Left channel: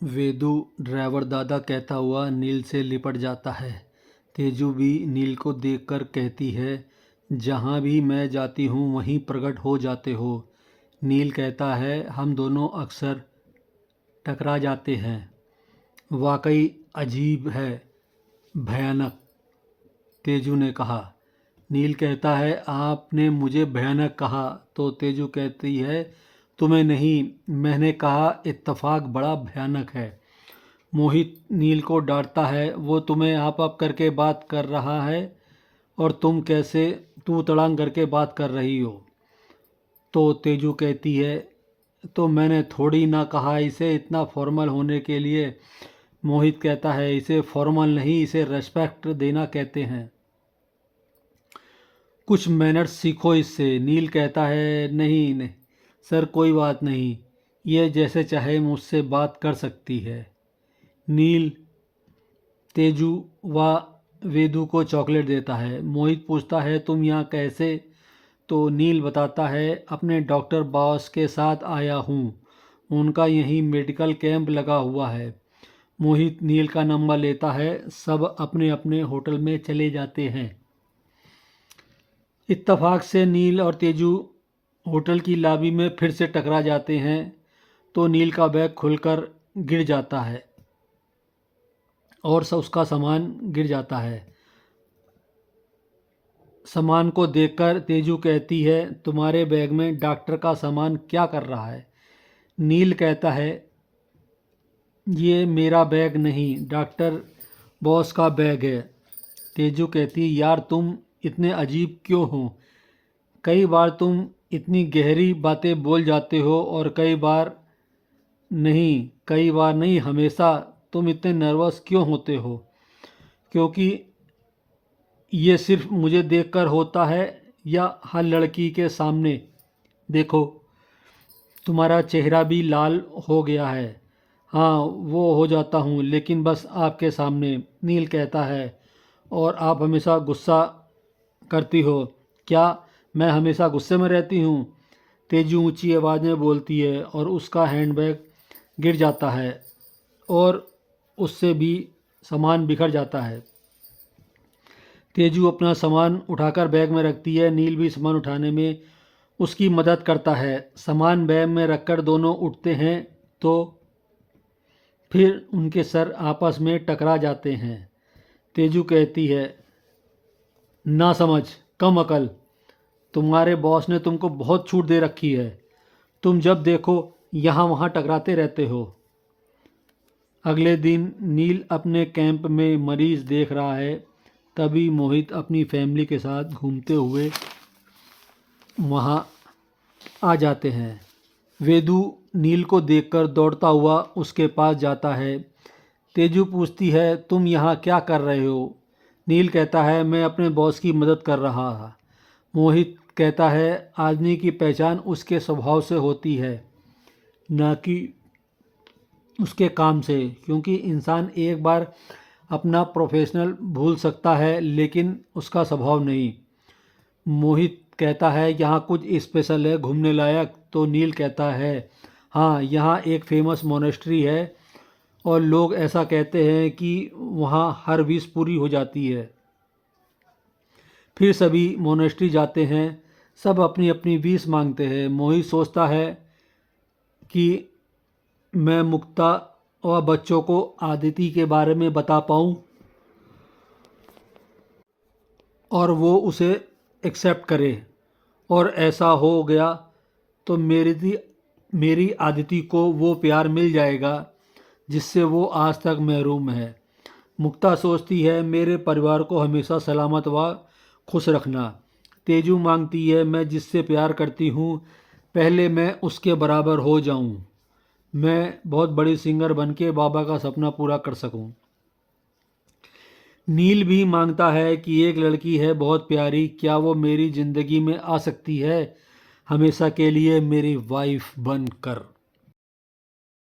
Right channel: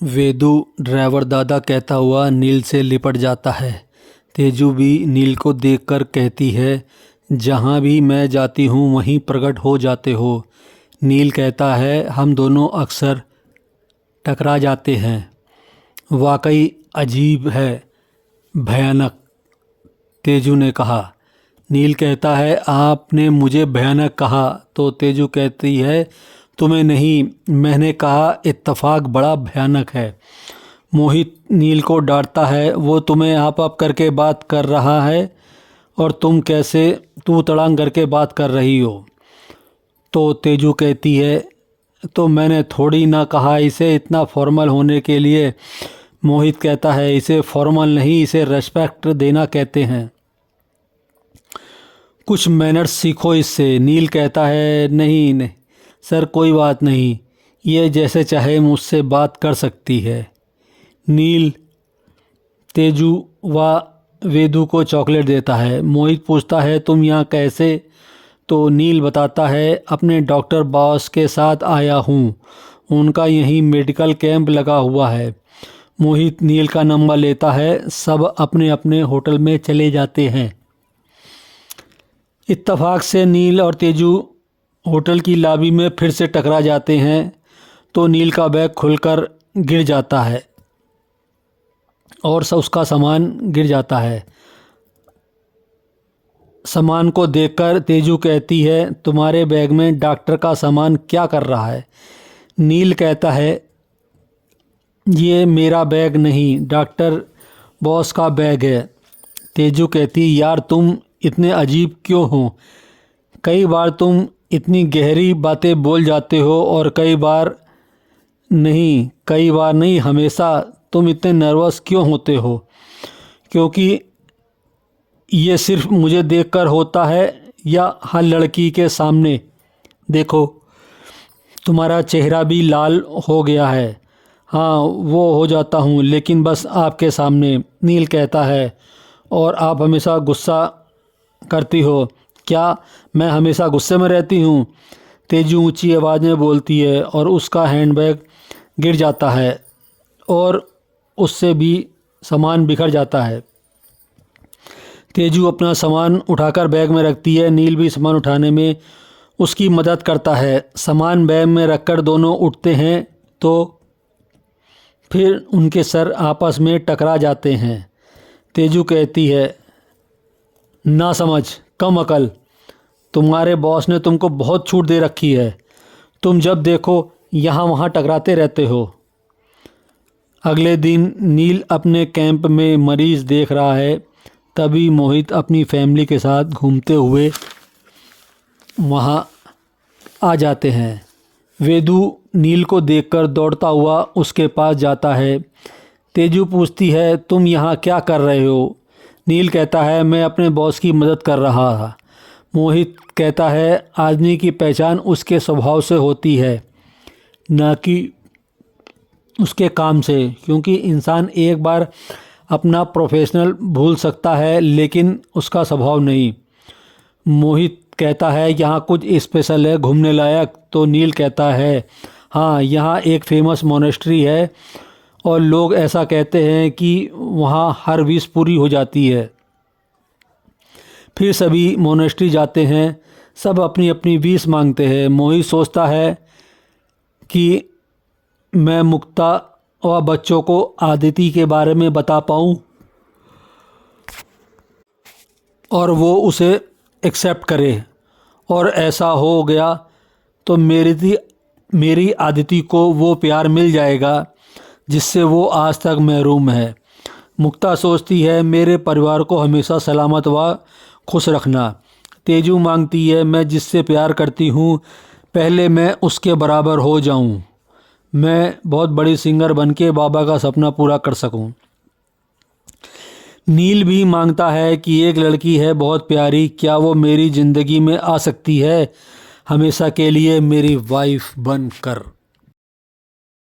Vedu driver दादा कहता हुआ नील से लिपट जाता है। तेजू भी नील को देखकर कहती है, जहाँ भी मैं जाती हूँ वहीं प्रकट हो जाते हो। नील कहता है, हम दोनों अक्सर टकरा जाते हैं। वाकई अजीब है, भयानक, तेजू ने कहा। नील कहता है, आपने मुझे भयानक कहा। तो तेजू कहती है, तुम्हें नहीं, मैंने कहा इत्तेफाक बड़ा भयानक है। मोहित नील को डांटता है, वो तुम्हें आप करके बात कर रहा है और तुम कैसे तू तड़ांग करके बात कर रही हो। तो तेजू कहती है, तो मैंने थोड़ी ना कहा इसे इतना फॉर्मल होने के लिए। मोहित कहता है, इसे फॉर्मल नहीं, इसे रेस्पेक्ट देना कहते हैं। कुछ मैनर्स सीखो इससे। नील कहता है, नहीं नहीं सर, कोई बात नहीं, ये जैसे चाहे मुझसे बात कर सकती है। नील तेजू व वेदू को चॉकलेट देता है। मोहित पूछता है, तुम यहाँ कैसे? तो नील बताता है, अपने डॉक्टर बॉस के साथ आया हूँ, उनका यहीं मेडिकल कैंप लगा हुआ है। मोहित नील का नंबर लेता है। सब अपने अपने होटल में चले जाते हैं। इत्तेफाक से नील और तेजू होटल की लॉबी में फिर से टकरा जाते हैं। तो नील का बैग खुलकर गिर जाता है और उसका सामान गिर जाता है। सामान को देखकर तेजू कहती है, तुम्हारे बैग में डॉक्टर का सामान क्या कर रहा है? नील कहता है, ये मेरा बैग नहीं, डॉक्टर बॉस का बैग है। तेजू कहती, यार तुम इतने अजीब क्यों हो? कई बार तुम इतनी गहरी बातें बोल जाते हो और कई बार नहीं, हमेशा तुम इतने नर्वस क्यों होते हो? क्योंकि ये सिर्फ मुझे देखकर होता है या हर लड़की के सामने? देखो, तुम्हारा चेहरा भी लाल हो गया है। हाँ, वो हो जाता हूँ, लेकिन बस आपके सामने। नील कहता है, और आप हमेशा गुस्सा करती हो। क्या मैं हमेशा गुस्से में रहती हूँ? तेजू ऊंची आवाज़ में बोलती है और उसका हैंडबैग गिर जाता है और उससे भी सामान बिखर जाता है। तेजू अपना सामान उठाकर बैग में रखती है। नील भी सामान उठाने में उसकी मदद करता है। सामान बैग में रखकर दोनों उठते हैं तो फिर उनके सर आपस में टकरा जाते हैं। तेजू कहती है, ना समझ, कम अकल, तुम्हारे बॉस ने तुमको बहुत छूट दे रखी है। तुम जब देखो यहाँ वहाँ टकराते रहते हो। अगले दिन नील अपने कैंप में मरीज देख रहा है। तभी मोहित अपनी फैमिली के साथ घूमते हुए वहाँ आ जाते हैं। वेदू नील को देखकर दौड़ता हुआ उसके पास जाता है। तेजू पूछती है, तुम यहाँ क्या कर रहे हो? नील कहता है, मैं अपने बॉस की मदद कर रहा था। मोहित कहता है, आदमी की पहचान उसके स्वभाव से होती है, ना कि उसके काम से। क्योंकि इंसान एक बार अपना प्रोफेशनल भूल सकता है, लेकिन उसका स्वभाव नहीं। मोहित कहता है, यहाँ कुछ स्पेशल है, घूमने लायक? तो नील कहता है, हाँ, यहाँ एक फेमस मोनेस्ट्री है और लोग ऐसा कहते हैं कि वहाँ हर विश पूरी हो जाती है। फिर सभी मोनेस्ट्री जाते हैं। सब अपनी अपनी विश मांगते हैं। मोहित सोचता है कि मैं मुक्ता और बच्चों को आदिति के बारे में बता पाऊँ और वो उसे एक्सेप्ट करे, और ऐसा हो गया तो मेरी आदिति को वो प्यार मिल जाएगा जिससे वो आज तक महरूम है। मुक्ता सोचती है, मेरे परिवार को हमेशा सलामत व खुश रखना। तेजू मांगती है, मैं जिससे प्यार करती हूँ पहले मैं उसके बराबर हो जाऊँ, मैं बहुत बड़ी सिंगर बनके बाबा का सपना पूरा कर सकूँ। नील भी मांगता है कि एक लड़की है बहुत प्यारी, क्या वो मेरी ज़िंदगी में आ सकती है हमेशा के लिए मेरी वाइफ बनकर?